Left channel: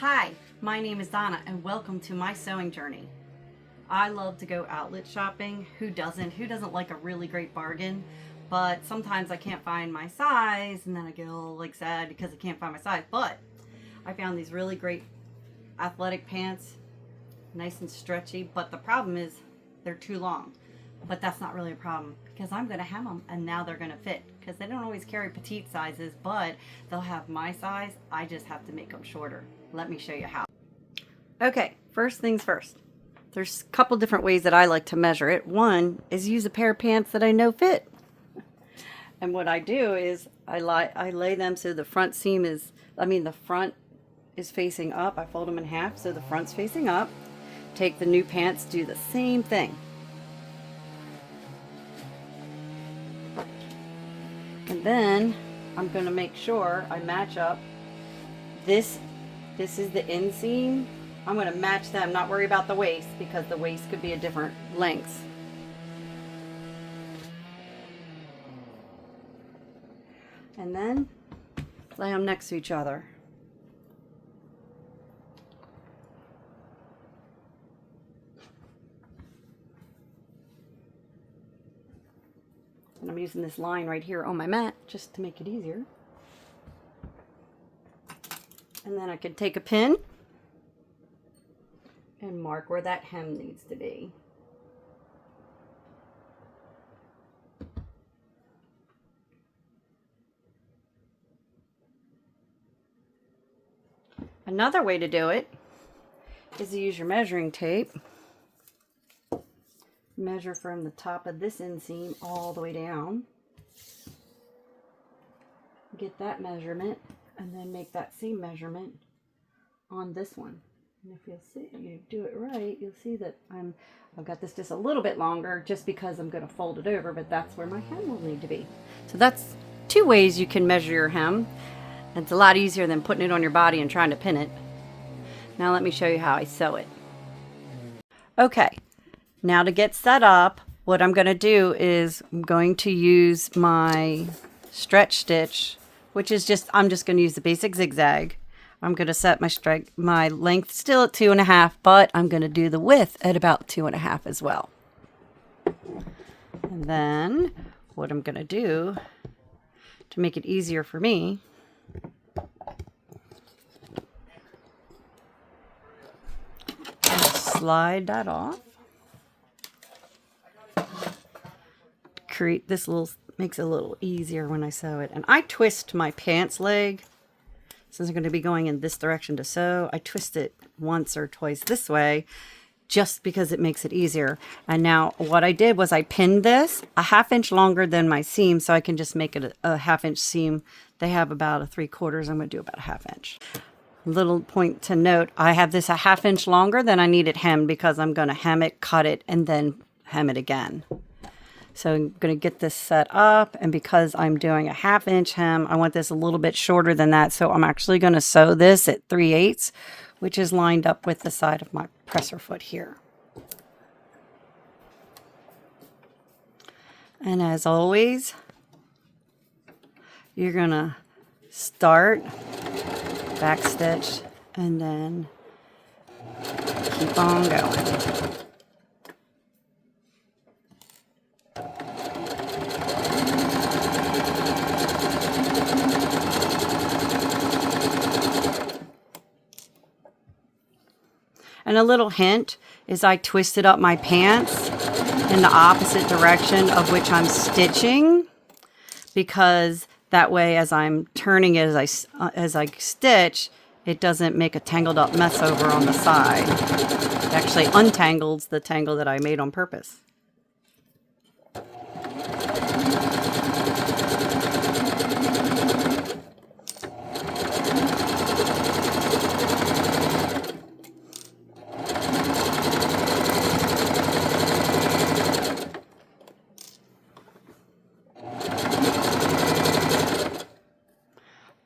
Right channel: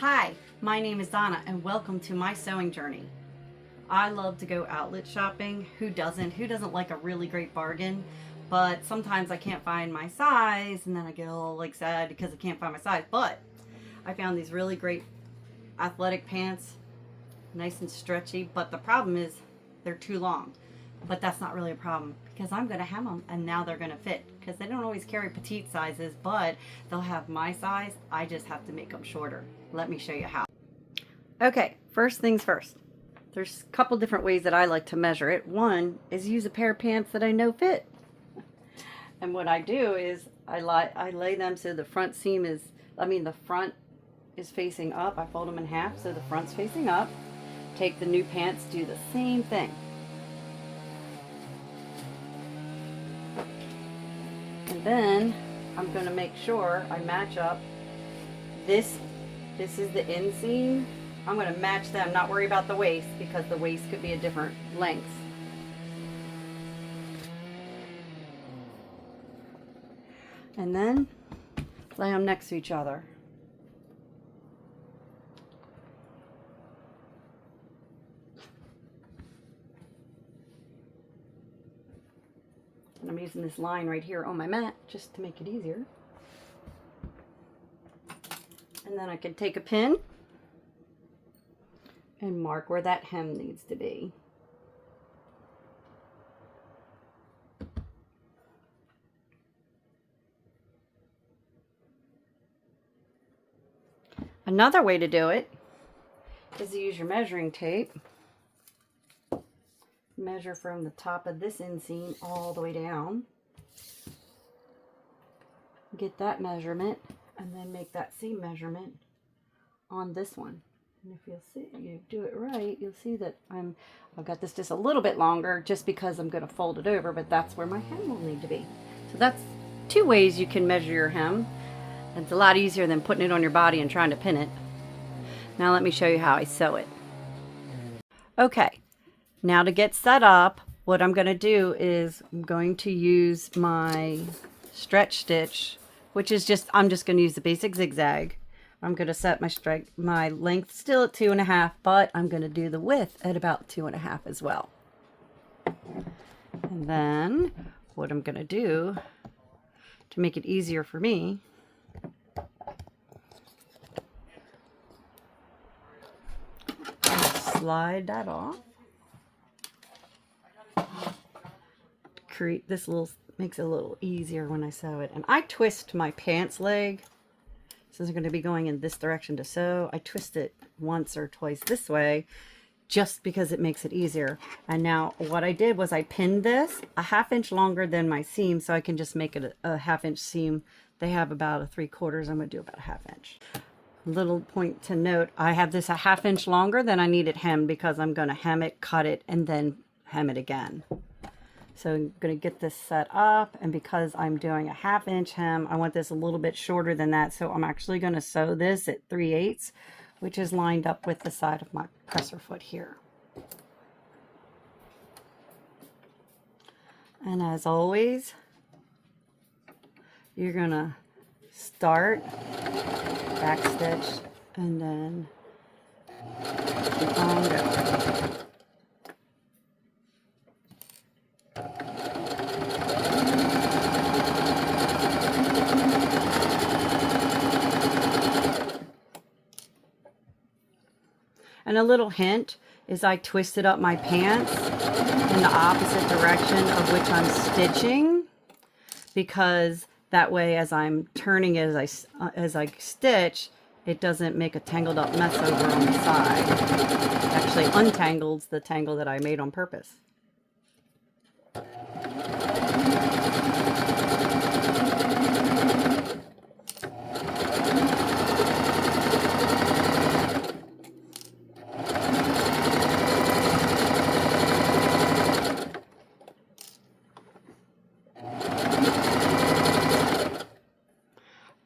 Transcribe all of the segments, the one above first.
Hi, my name is Donna and welcome to my sewing journey. I love to go outlet shopping. Who doesn't? Who doesn't like a really great bargain? But sometimes I can't find my size and then I get all like sad because I can't find my size. But I found these really great athletic pants, nice and stretchy, but the problem is they're too long. But that's not really a problem because I'm going to hem them and now they're going to fit because they don't always carry petite sizes, but they'll have my size. I just have to make them shorter. Let me show you how. Okay, first things first. There's a couple different ways that I like to measure it. One is use a pair of pants that I know fit. And what I do is I lay them so the front seam is, the front is facing up. I fold them in half so the front's facing up. Take the new pants, do the same thing. And then I'm going to make sure I match up. This is the inseam. I'm going to match them, not worry about the waist because the waist could be a different length. And then lay them next to each other. And I'm using this line right here on my mat just to make it easier. And then I could take a pin and mark where that hem needs to be. Another way to do it is to use your measuring tape. Measure from the top of this inseam all the way down. Get that measurement and then make that seam measurement on this one. And if you'll see, you do it right, you'll see that I've got this just a little bit longer just because I'm going to fold it over, but that's where my hem will need to be. So that's two ways you can measure your hem. It's a lot easier than putting it on your body and trying to pin it. Now let me show you how I sew it. Okay. Now to get set up, what I'm going to do is I'm going to use my stretch stitch, which is I'm just going to use the basic zigzag. I'm going to set my length still at 2.5, but I'm going to do the width at about 2.5 as well. And then what I'm going to do to make it easier for me, slide that off. Create this makes it a little easier when I sew it. And I twist my pants leg since I'm going to be going in this direction to sew. I twist it once or twice this way just because it makes it easier. And now what I did was I pinned this a 1/2 inch longer than my seam so I can just make it a 1/2 inch seam. They have about a 3/4. I'm going to do about a 1/2 inch. Little point to note, I have this a 1/2 inch longer than I need it hemmed because I'm going to hem it, cut it, and then hem it again. So I'm going to get this set up, and because I'm doing a 1/2 inch hem, I want this a little bit shorter than that. So I'm actually going to sew this at 3/8, which is lined up with the side of my presser foot here. And as always, you're going to start, back stitch, and then keep on going. And a little hint is I twisted up my pants in the opposite direction of which I'm stitching, because that way as I'm turning it as I stitch, it doesn't make a tangled up mess over on the side. It actually untangles the tangle that I made on purpose.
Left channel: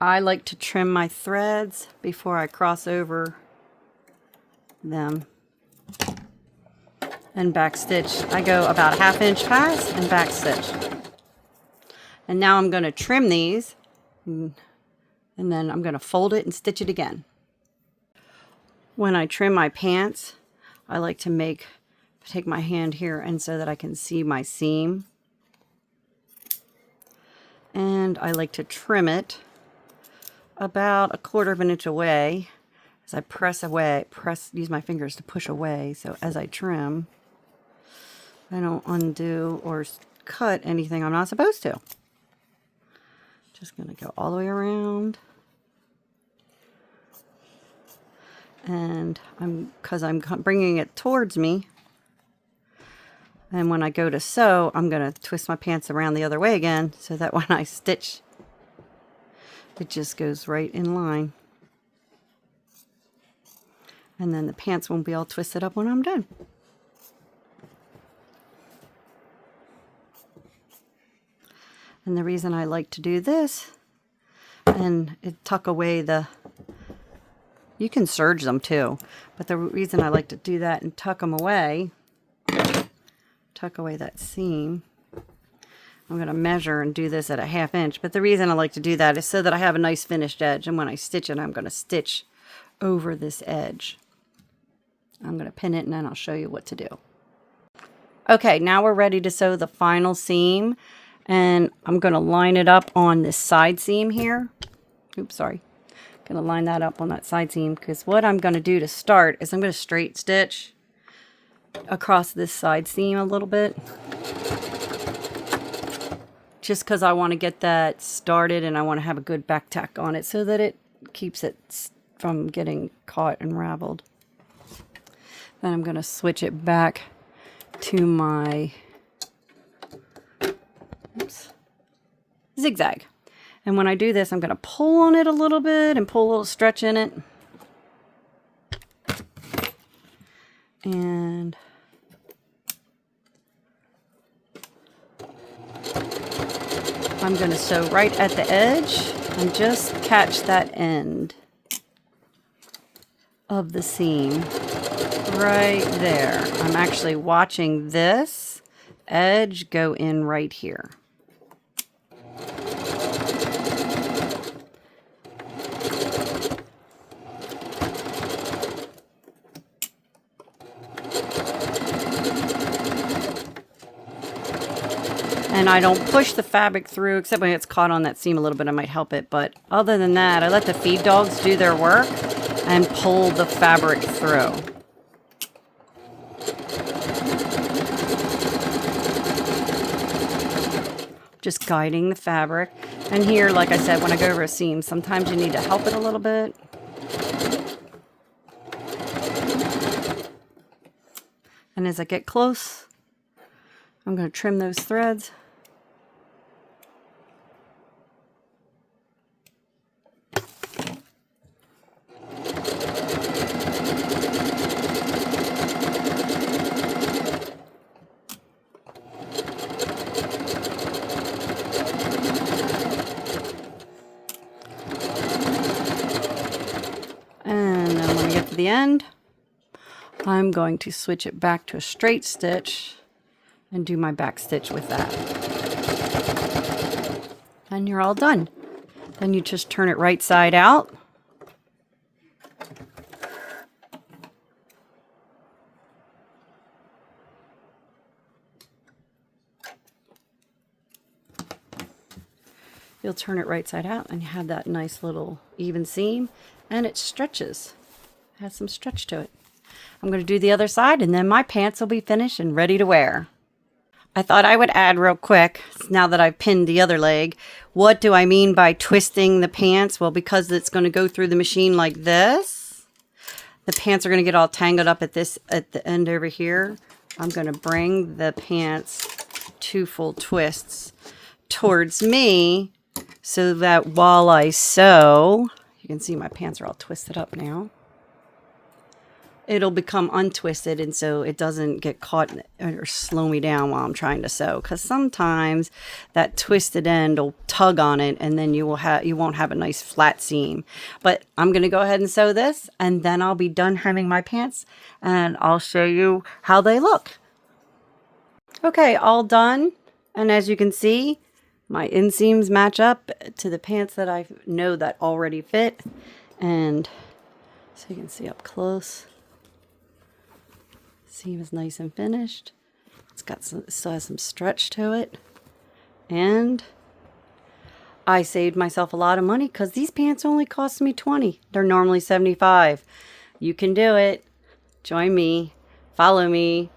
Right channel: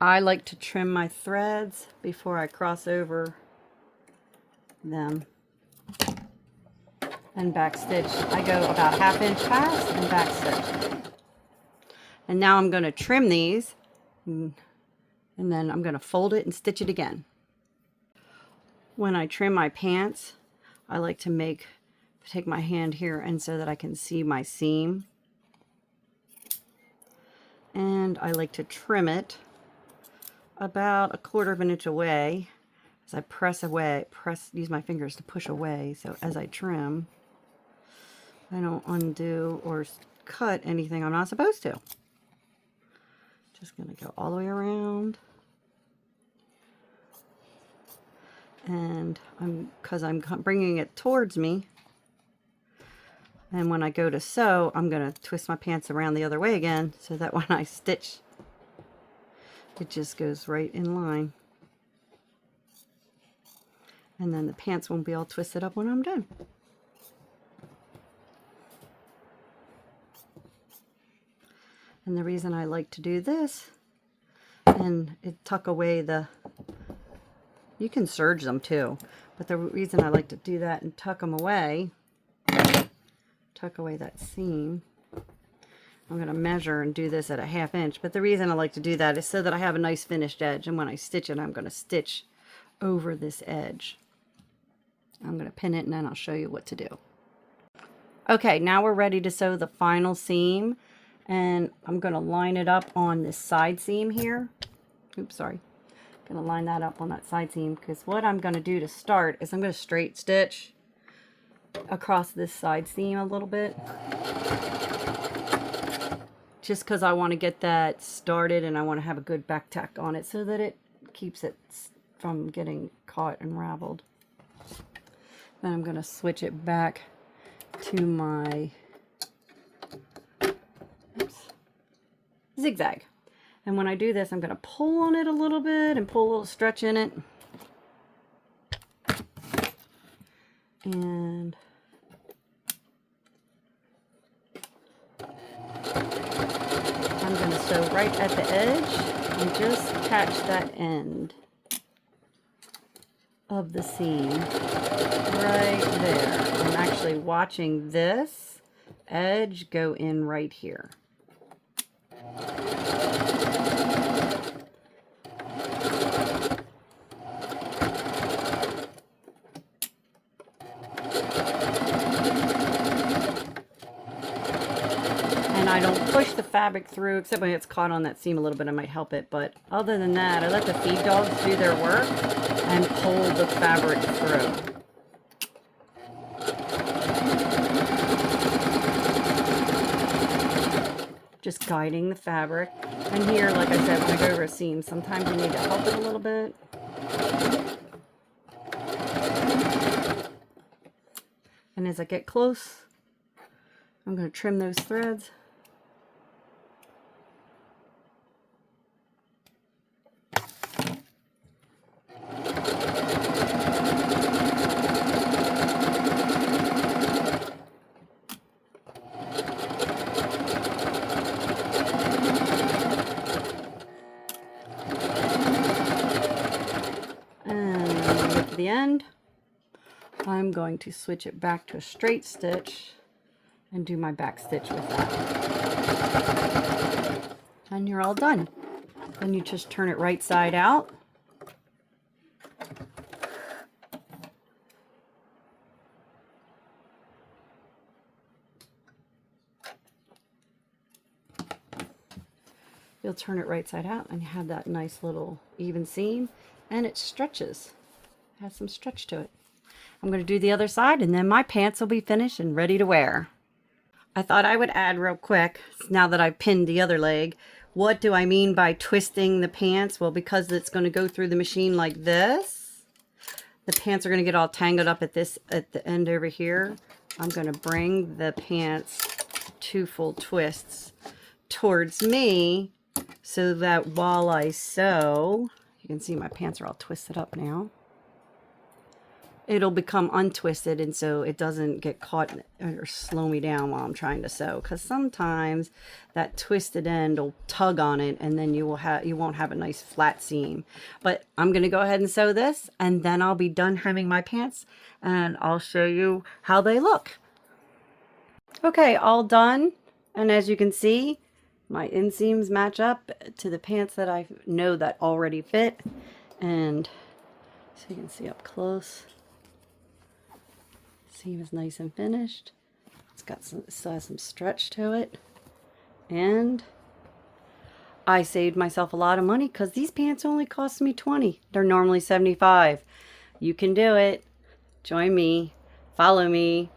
I like to trim my threads before I cross over them and back stitch. I go about 1/2 inch pass and back stitch. And now I'm going to trim these, and then I'm going to fold it and stitch it again. When I trim my pants, I like to take my hand here and so that I can see my seam. And I like to trim it about 1/4 of an inch away as I use my fingers to push away. So as I trim, I don't undo or cut anything I'm not supposed to. Just going to go all the way around. And because I'm bringing it towards me, and when I go to sew, I'm going to twist my pants around the other way again so that when I stitch, it just goes right in line. And then the pants won't be all twisted up when I'm done. And the reason I like to do this, and tuck away you can serge them too, but the reason I like to do that and tuck them away, tuck away that seam. I'm going to measure and do this at a 1/2 inch, but the reason I like to do that is so that I have a nice finished edge, and when I stitch it, I'm going to stitch over this edge. I'm going to pin it and then I'll show you what to do. Okay, now we're ready to sew the final seam, and I'm going to line it up on this side seam here. Oops, sorry. I'm going to line that up on that side seam, because what I'm going to do to start is I'm going to straight stitch across this side seam a little bit, just because I want to get that started and I want to have a good back tack on it so that it keeps it from getting caught and raveled. Then I'm going to switch it back to my zigzag. And when I do this, I'm going to pull on it a little bit and pull a little stretch in it. And I'm going to sew right at the edge and just catch that end of the seam right there. I'm actually watching this edge go in right here. And I don't push the fabric through, except when it's caught on that seam a little bit, I might help it. But other than that, I let the feed dogs do their work and pull the fabric through. Just guiding the fabric. And here, like I said, when I go over a seam, sometimes you need to help it a little bit. And as I get close, I'm going to trim those threads. And then when I get to the end, I'm going to switch it back to a straight stitch and do my back stitch with that. And you're all done. Then you just turn it right side out. You'll turn it right side out and you have that nice little even seam, and it stretches. It has some stretch to it. I'm going to do the other side, and then my pants will be finished and ready to wear. I thought I would add real quick, now that I've pinned the other leg, what do I mean by twisting the pants? Well, because it's going to go through the machine like this, the pants are going to get all tangled up at the end over here. I'm going to bring the pants 2 full twists towards me so that while I sew, you can see my pants are all twisted up now. It'll become untwisted, and so it doesn't get caught or slow me down while I'm trying to sew, because sometimes that twisted end will tug on it and then you won't have a nice flat seam. But I'm going to go ahead and sew this, and then I'll be done hemming my pants and I'll show you how they look. Okay, all done, and as you can see, my inseams match up to the pants that I know that already fit, and So you can see up close. See, it was nice and finished. It's got some, still has some stretch to it. And I saved myself a lot of money because these pants only cost me $20. They're normally $75. You can do it. Join me. Follow me.